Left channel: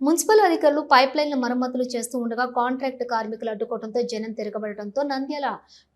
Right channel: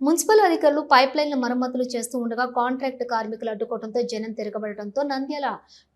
Municipal అధికారులు pipe లైన్ల మరమ్మతులు చేస్తూ ఉండగా కాంట్రాక్ట్ కార్మికులు అడ్డుకోవడంతో జనం తిరగబడటంతో నంద్యాల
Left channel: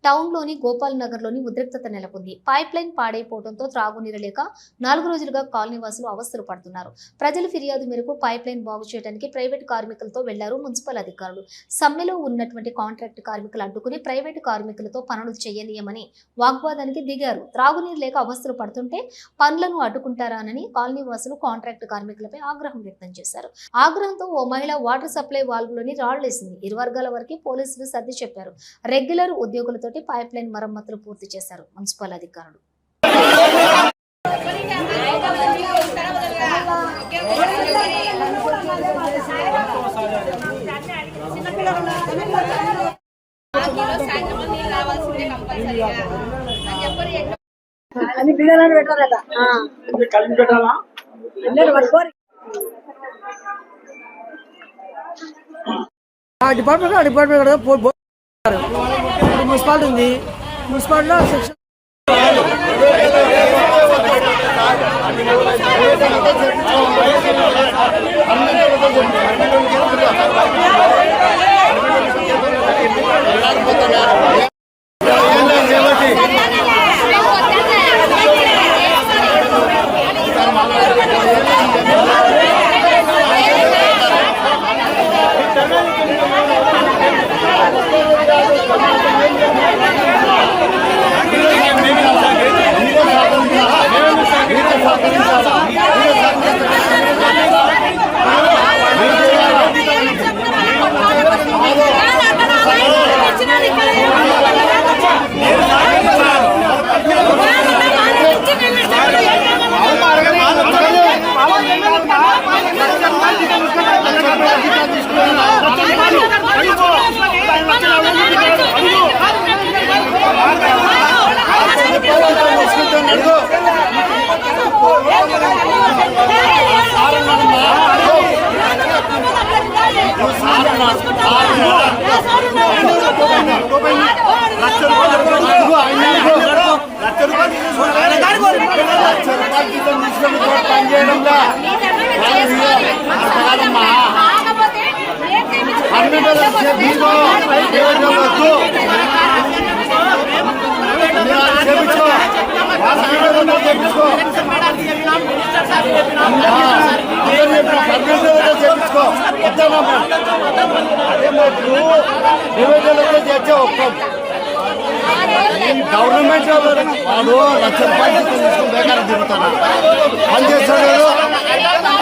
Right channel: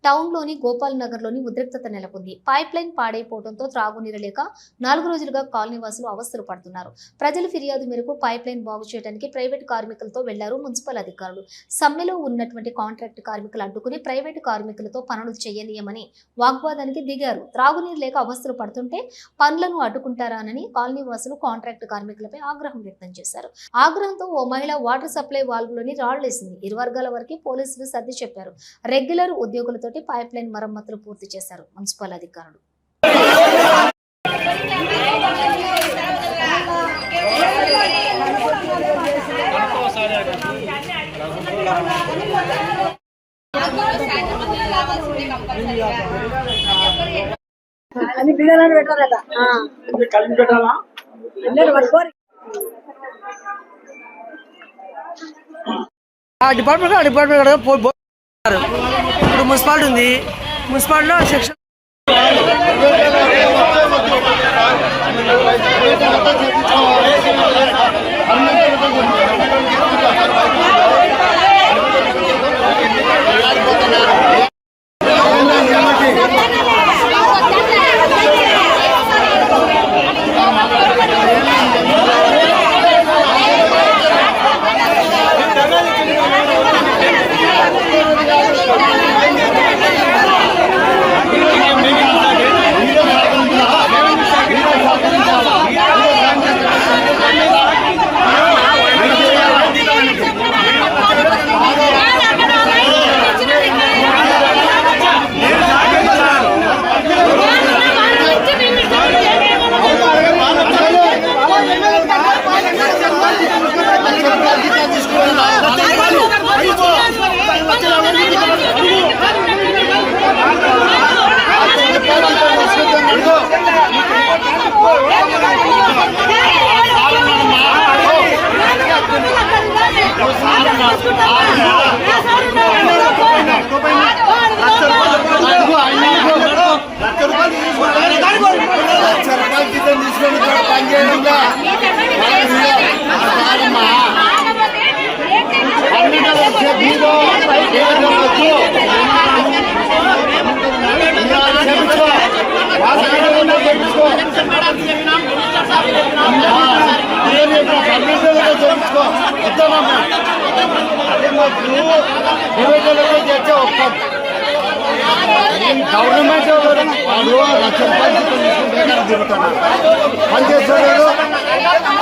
టౌన్లోని గోపాల్ నగర్లోని ఉద్రిక్తత నెలకొంది. పైప్ లైన్ పాడైపోవడంతో త్రాగునీరు లేక నాలుగు రోజులుగా కాలనీ వాసులు అవస్థలు పడుతున్నారు. ప్రజల ఫిర్యాదు మేరకు పైప్ లైన్ బాగు చేయడానికి ప్రైవేట్ కార్మికులతో వెళ్ళారు మున్సిపల్ అధికారులు. సమ్మెలో ఉన్నటువంటి కాంట్రాక్ట్ కార్మికులు అడ్డుకుని ప్రైవేట్ కార్మికులతో పనులు చేయనీయమని వాగ్వాదానికి దిగారు. త్రాగునీరు లేక అవస్థలు పడుతుంటే పనులను అడ్డుకుంటారానని కాలనీవాసులు కాంట్రాక్ట్ కార్మికులపై ఆగ్రహం వ్యక్తం చేశారు. ఆగ్రహంతో ఓ మహిళ వాటర్ సప్లై వాల్వ్లోని రాళ్ళేసింది ఇరు వర్గాల వరకు పోలీసులు సర్ది చెప్పారు. రెగ్యులర్ ఉద్యోగులతోటి పైప్ లైన్ మరమ్మతులు పూర్తి చేశారు. మున్సిపల్ అధికారులు. అన్ని కలిపి పెట్టాలా? అందరూ పట్టుకోరు ఆ డిపార్ట్మెంట్ ఆ డిపార్ట్మెంట్ కూడా ఇప్పుడు మున్సిపాలిటీ ఉంది. మున్సిపాలిటీలో సెక్షన్ లక్ష తీసుకొని కాదమ్మా అన్ని వచ్చే బీగో ఏదైనా వద్దు. అదే వద్దామమ్మా. అదే మాకు నివేదనలకే చేస్తే ఒప్పుకోం. గవర్నమెంట్ వాళ్ళు లక్ష రూపాయలు జీతం తీసుకుని బేకారం తిరుగుతారు పని చేస్తారు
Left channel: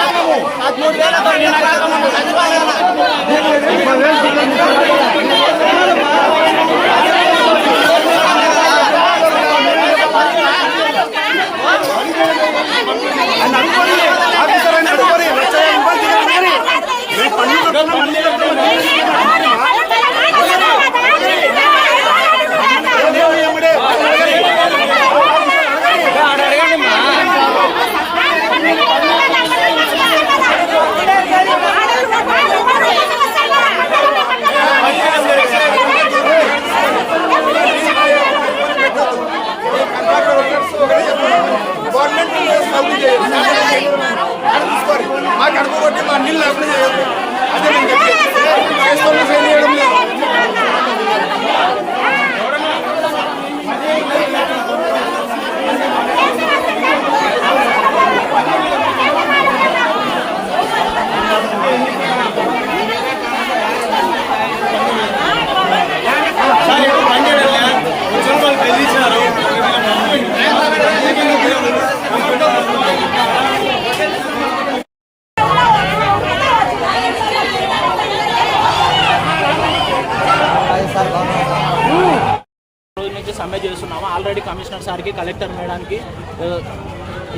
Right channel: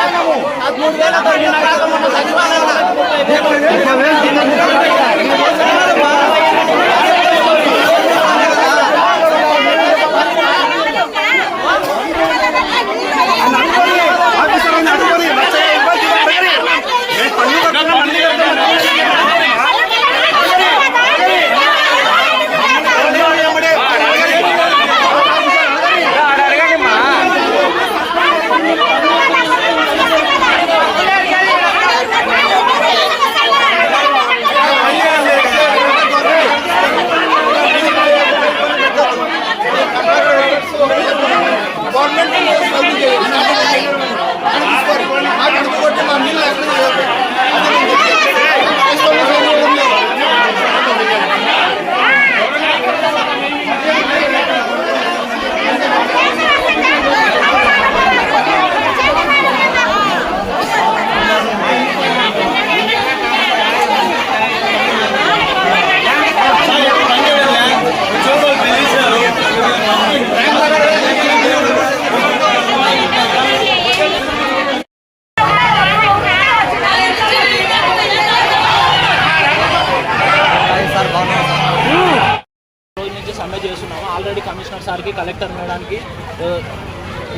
గవర్నమెంట్ సౌకర్యం చేయాలి. అని తీసుకోరు. మాకు అడుగుబట్టి మా నీళ్ళు అప్లై చేయాలి. అదే నేను చెప్పేది. చేసుకోవాలి, చేయడం లేదు. రోజు నుంచి సమ్మె చేస్తున్నాము ఆల్రెడీ కమిషనర్ సార్కి కలెక్టర్ మేడానికి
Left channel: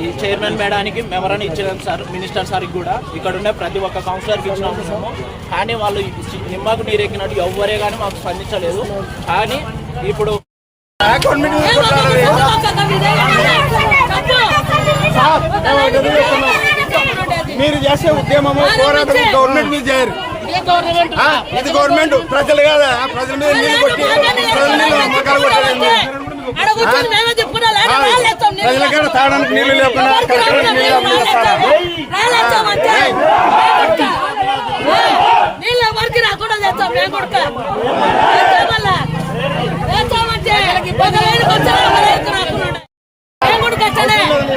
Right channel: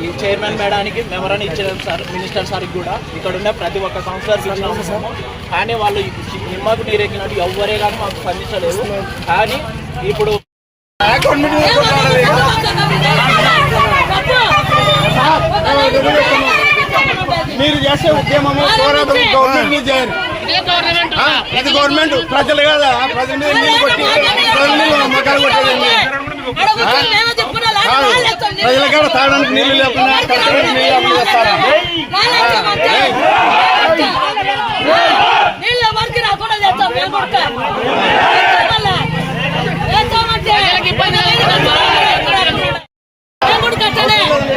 ఈ చైర్మన్ మేడానికి మెమరాన్ని ఇచ్చేదాం సార్ మినిస్టర్ సార్కి కూడా. ఇక్కడ ఉన్న ప్రతి ఒక్క కౌన్సిలర్కి ఇచ్చినాము కానీ వాళ్ళు నిమ్మకు నీరెక్కినట్టు ఎవ్వరే కానీ మాకు స్పందించలేదు. కానీ ఇప్పుడు మీరు చేసే ఉద్యమము పోరాటం గవర్నమెంట్ మీద చేయరు. ఇది గవర్నమెంట్ ప్రజలు కాదా? ప్రజల మీద నీళ్ళు కొట్టి ప్రజల మీద అమ్మకాలు కొట్టేది ప్రజల కాడ తాగడానికి నీళ్ళు లేకుండా కట్టడానికి నీళ్ళు లేకుండా చేస్తారా నీళ్ళు ఎవరికి రాకుండా చేస్తాం మేము కొడుక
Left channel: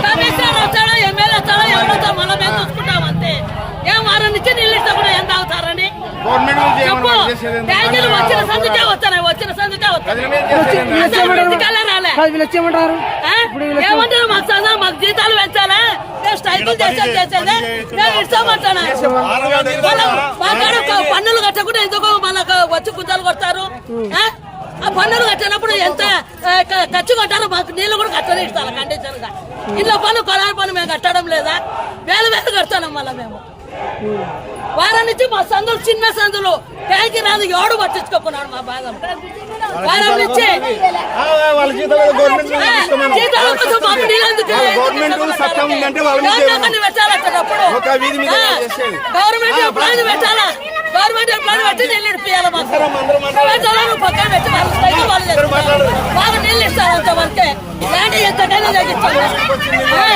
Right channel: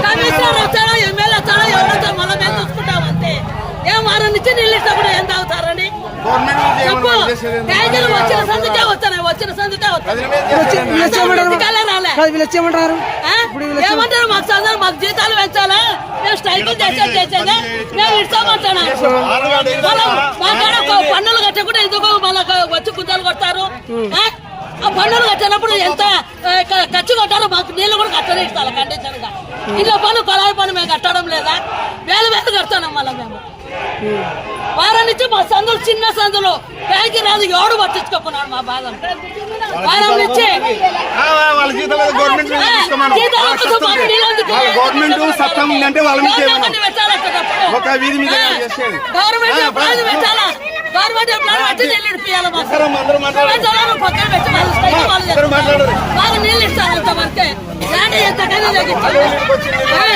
కమిషనర్ వచ్చాడా? ఎమ్మెల్యే వచ్చాడా? ఎవడొచ్చా మళ్ళీ మేము చూసుకుంటాం అంతే. ఏం వారం నుంచి నీళ్ళు ఇస్తా కూడా ఏం తాగుతారని? ఇంటికల్లా రాలే. కాదు వీళ్ళు వచ్చి ఏమంటారు ఆ? ఏమంటారు? మాకు చదువు మాకు జీతాలు పెంచాలా? మేము స్ట్రైకులు చేసేది చేసేదే. మేము ఇస్తామంటాను మనం మా కాడ ఒక పన్నులు కట్టకుండా ఎందుకు మనకు వచ్చి గుంజాలు కొడతారు? ఆ? ఆ పన్నులు కట్టినప్పుడు ఎంత ఖర్చు కట్టారో మాకు నీళ్ళు కూడా కట్టనే ఇస్తాను కండిషన్గా? ఇంట్లో పన్ను కొలాయి పన్ను మేము కట్టడం లేదా? వేలు వేలు కడతాను మళ్ళీ మేము. వారం నుంచి మా సందులు చిన్న సందులు. ట్యాంకి రాదు ఎవడు పట్టించుకోకున్నాడు మా బాధను వారం నుంచి గవర్నమెంట్ గవర్నమెంట్ పెట్టాలి. గవర్నమెంట్ పెట్టి నీళ్ళు ఇప్పియాలి మాకు. పక్కన పెట్టి వాళ్ళు స్ట్రైక్ వాళ్ళు మాకు నీళ్ళు ఇస్తారు అంతవరకే. ఇలాంటి ఎంతకైనా తగ్గించండి ఆ,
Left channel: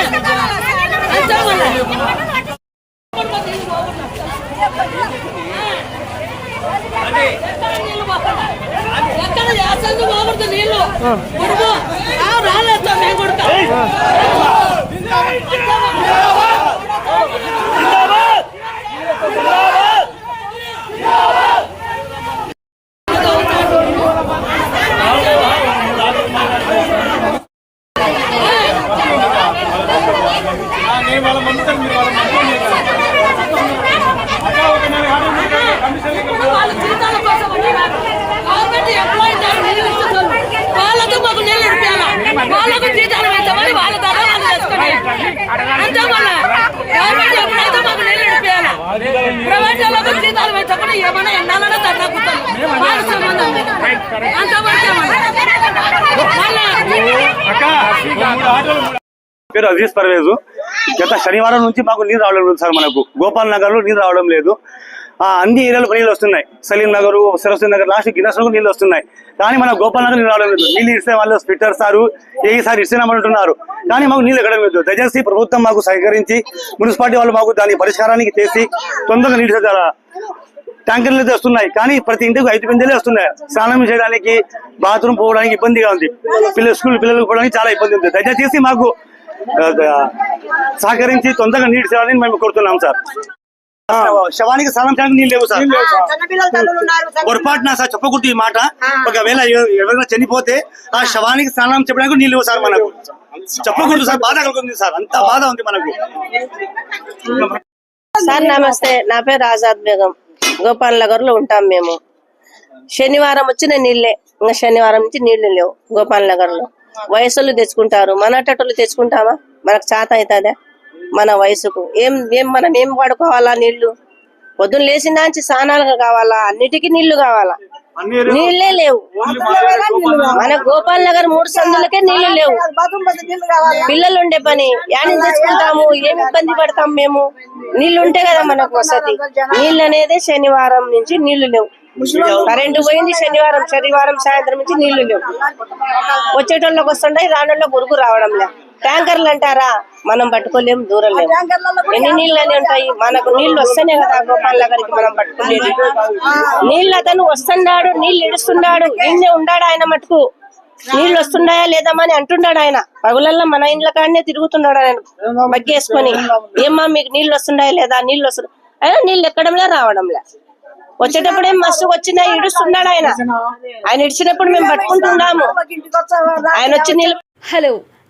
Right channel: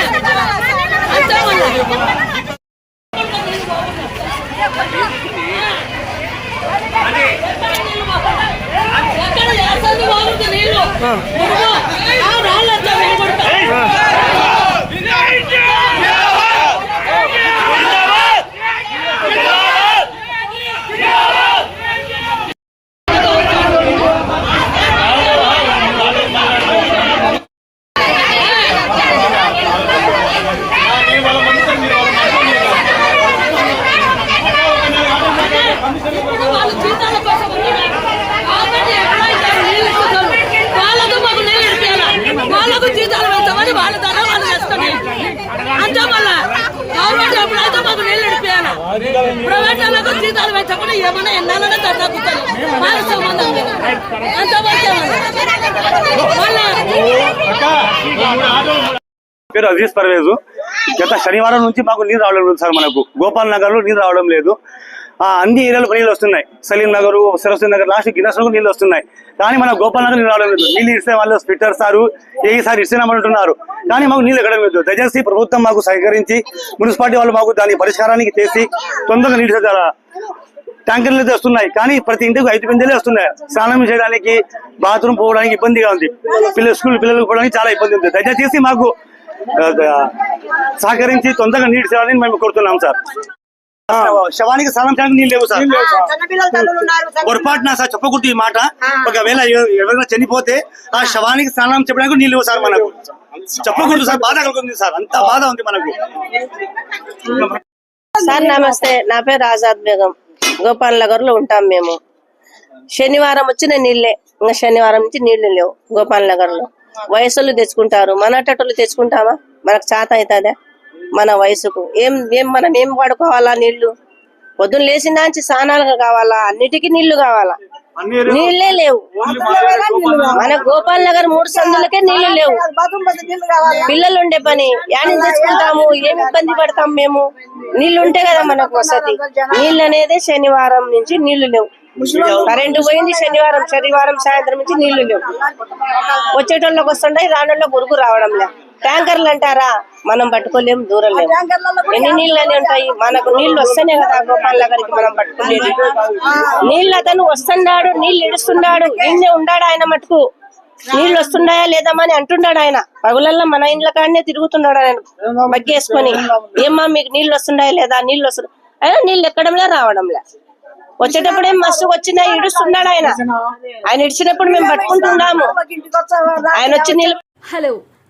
అంతే మళ్ళీ ఎక్కడ నీళ్ళు పోకుండా? ఎక్కడ వేసంది పోకూడదు నీళ్ళు మురుగు రాళ్ళతో మేము కొడతాం ఇప్పుడు వాళ్ళు జీతాల కోసం వచ్చినారు. గవర్నమెంట్ ఎంప్లాయీస్ అని నీళ్ళు ఇస్తున్నారు. వాళ్ళకు మాకు నీళ్ళు ఇప్పియాలా? వాళ్ళకు జీతాలు పెంచమని వాళ్ళ ద్వారా వాళ్ళు చేసుకొని అంతే మళ్ళా గవర్నమెంట్ ఎప్పుడైతే మాకు నీళ్ళు ఇప్పియాలా ప్రైవేట్ వాళ్ళకు జీతాలు పెంచకుండా ఏమైనా ఎన్నాలన్నా ధర్నా కూర్చొని మాకు సంబంధం లేదు. అంతవరకే పేరు అజీజ్ పర్వేజ్. గత శనివారం నుంచి మాకు నీరు రావడం లేదు సార్ మనకు. గోపాల్ నగర్లో నీరు రావడం లేదు. ఆ, అన్ని ఏరియాలో నీళ్ళు వస్తున్నాయి. సలీం నగర్ సరస్వతి నగర్ లాస్ట్ గిన్నెస్ నీళ్ళు వస్తున్నాయి. కానీ మన గోపాల్ నగర్ నీళ్ళు రావడం లేదు. నీళ్ళు ఇస్తే వాళ్ళు స్పిట్టర్ సారు ఏసారి ఇస్తున్నామంటున్నారు కానీ మాకు నీళ్ళు ఎక్కడం లేదు. దయచేసి ప్రభుత్వం మాకు సహకరించి మున్సిపాలిటీ వాళ్ళు మాకు దాని పరిష్కారానికి చేసి తొందరగా నీళ్ళు ట్యాంకర్లు అయితే వస్తున్నాయి. కానీ ప్రతి ఇంటికి ఐదు పిందెలే వస్తున్నాయి. స్నానం చేయడానికి బాత్రూమ్ పోవడానికి ఇబ్బందిగా ఉంది. పిల్లలు స్కూల్ పిల్లలకు పోవడానికి చాలా ఇబ్బంది ఉంది. దయచేసి మాకు సహకరించి తొందరగా నీటి చేయాలని మేము కోరుతున్నాం సార్. శవానికి స్నానం చేయడానికి నీళ్ళు లేవు సార్. ఉన్నారు పొరపాటున సార్ చెప్పకూడదు ఈ మాట. ఒకవేళ ఎవ- ఎవరైనా చనిపోతే ఆ శవానికి స్నానం చెప్పడానికి నీళ్ళు లేవు సార్ మనకు. చెప్పకూడదు సార్ బాధ కలుగుతుంది సార్. అంత బాధ ఉంది మనకు. సార్ నమస్తే. నా పేరు ఆజాద్ బేగం. గోపాల్ నగర్లో ఉంటాం మేము. శనివారం వచ్చిన నీళ్ళే. ఇంకా శనివారం నుంచి నీళ్ళు లేవు గోపాల్ నగర్లో వయసులు తెచ్చుకుంటారు. మన అట్టలు తెచ్చుకుంటామా? మనకు చేత అవుతుందా? మన వయసుకు. ఏం ఏం మనం ఏం వాడుకోవాలా నీళ్ళు? పొద్దున్న లేచిన నుంచి స్నానాలు కావాలా? అన్నిటికీ నీళ్ళు కావాలా? నీళ్ళే లేవు. మన గోపాల్ నగర్ మూడు సందులకే నీళ్ళు లేవు. బాత్రూమ్ పోతే నీళ్ళు కావాలి. పిల్లలు ఉండే పని యాని తెచ్చుకుంటాము? ఏం ఇబ్బంది పడతాం మేము? నీళ్ళు ఉంటే కదా మనకు వసతి. నీళ్ళు అనేది శనివారం నుంచి నీళ్ళు లేవు. కరెంటు పోయింది శనివారం శనివారం సాయంత్రం నుంచి నీళ్ళు లేవు. వచ్చేటోళ్ళకి వస్తుంటాయి రానోళ్ళకి ఉరుకు రావడం లే ట్యాంకర్లు అంటారా? మనం పట్టుకోలేము దూరం లేము ఎన్ని నీళ్ళు అని ఉంటాయి? మనకు నీళ్ళు వస్తేనే కదా గోపాల్ నగర్కి మనం పట్టుకోలేదు నీళ్ళు అతను వస్తున్నాడు నీళ్ళు ఇడుస్తున్నాడు. నిన్నే ఉండాడు ఆయన మటుకు? నీళ్ళు వస్తున్నాయా లేదమ్మా అంటున్నాడు ఆయన. పగులల్లో మన ఇండ్ల కాడనే తిరుగుతున్నాడు ఆయన. బగ్గేసుకొని ఏమ్మా మీకు నీళ్ళు వస్తున్నాయా లేదా? నీళ్ళు వస్తున్నాయి అయినా నీళ్ళు ఎక్కడంలే రావడంలే? వచ్చేటప్పుడే మస్తు వచ్చినా ఇడుస్తున్నాడు ఆయన. ఆయన ఇడిచినప్పుడు మేము పట్టుకుంటున్నాము ఆయన వచ్చి నీళ్ళు హలో